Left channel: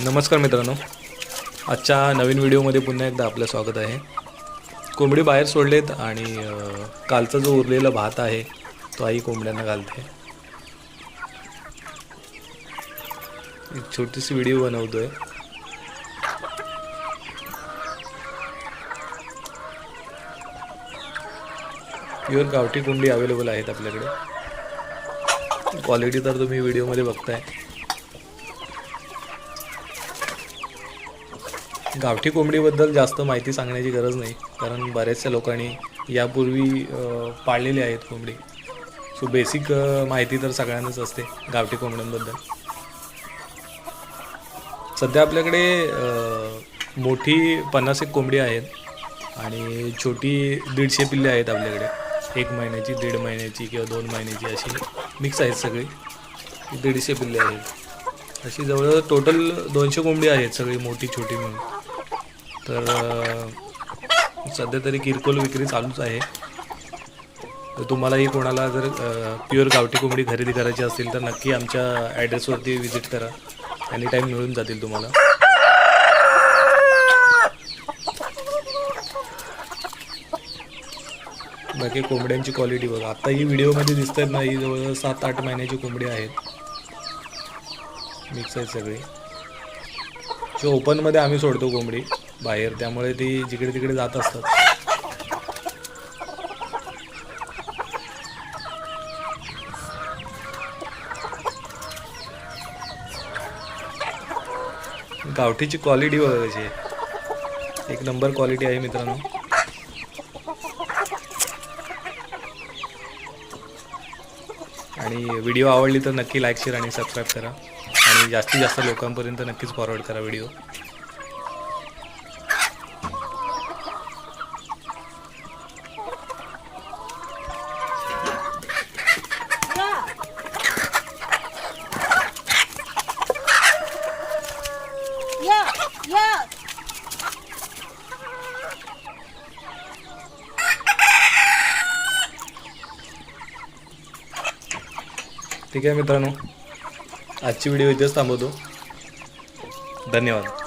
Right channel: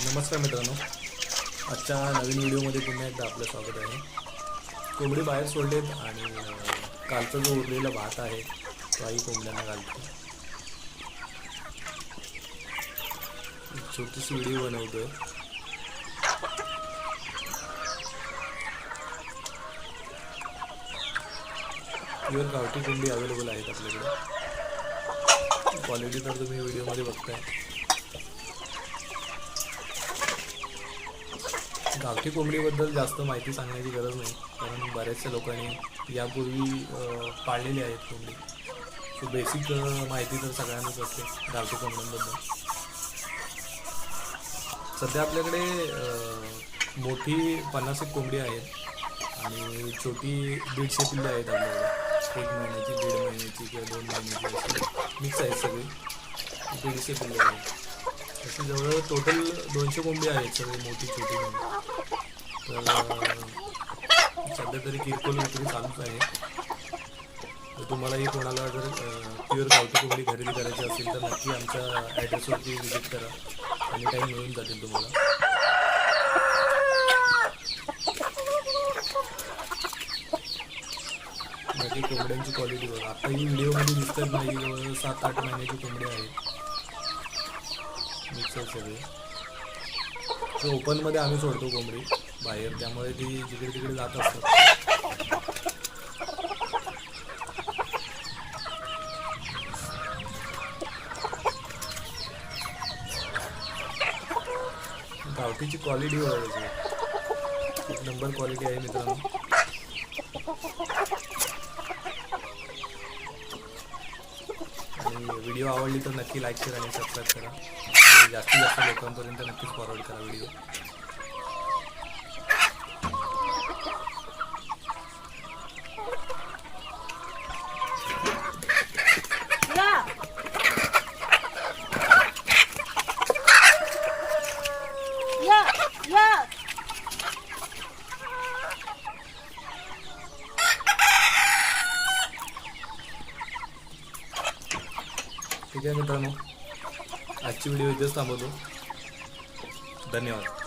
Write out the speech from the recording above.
नमस्कार मित्रांनो. आजच्या नवीन व्हिडिओमध्ये पुन्हा एकदा आपलं स्वागत आहे. कोंबडी बाहेर सोडलेत आणि कालचा जो उरलेला भात आहे तो आई कोंबड्यांना घालते. एक छोटीशी व्हिडिओ बनवतोय. प्युअर गावठी कोंबडी अवेलेबल आहेत आपल्याकडे. क्वालिटी तर तुम्ही व्हिडिओमध्ये बघताय. गावठी कोंबडीबद्दल जास्त माहिती सांगण्याची गरज नाही कारण बऱ्याचशा लोकांनी यापूर्वी पाळलेली आहेत कोंबडी. सो बेसिक माहिती तर सगळ्यांनाच असते गावठी कोंबड्यांबद्दल. सध्या आपल्याकडे मोठी पन्नास एक कोंबडी आहेत आणि छोटी दीडशे पिल्ले आहेत आपल्याकडे. एक महिन्याची दीड महिन्याची किंवा दोन महिन्याची अशी मिक्स आहेत सगळी. दीडशे पिल्ले आहेत. अशी जवळ टोटल दोनशे कोंबडी आहेत सगळी मोठी छोटी म्हणून. तर सध्या तरी किरकोळ विक्री चालूच आहे. तर तुम्हालाही कोणाला जर प्युअर गावठी कोंबडी खरेदी करायची असेल तर नक्की आमच्या ॲड्रेसवरती व्हिजिट करा. एनी टाईम मिळून जातील तुम्हाला. बाकी कोंबड्यांची क्वालिटी बघा. आता ही व्हिडिओमध्ये दिसतात ना ही जवळ सात आठ महिन्याची कोंबडी आहेत. मिक्स आहेत सगळे. सो ओपनमध्ये आम्ही सोडतो कोंबडी. बाहेर त्यामुळे ती जिकडे तिकडे जात असतात. गावठीची क्वालिटी बघा त्याची एक नंबर क्वालिटी आहे मित्रांनो. आणि व्हिडिओ आवडली तर नक्की लाईक शेअर आणि सबस्क्राईब करा. आणि जास्तीत जास्त लोकांपर्यंत नक्कीच फॉरवर्ड करा व्हिडिओ ठीक आहे मित्रांनो आजची व्हिडिओ इथेच थांबवतो. धन्यवाद.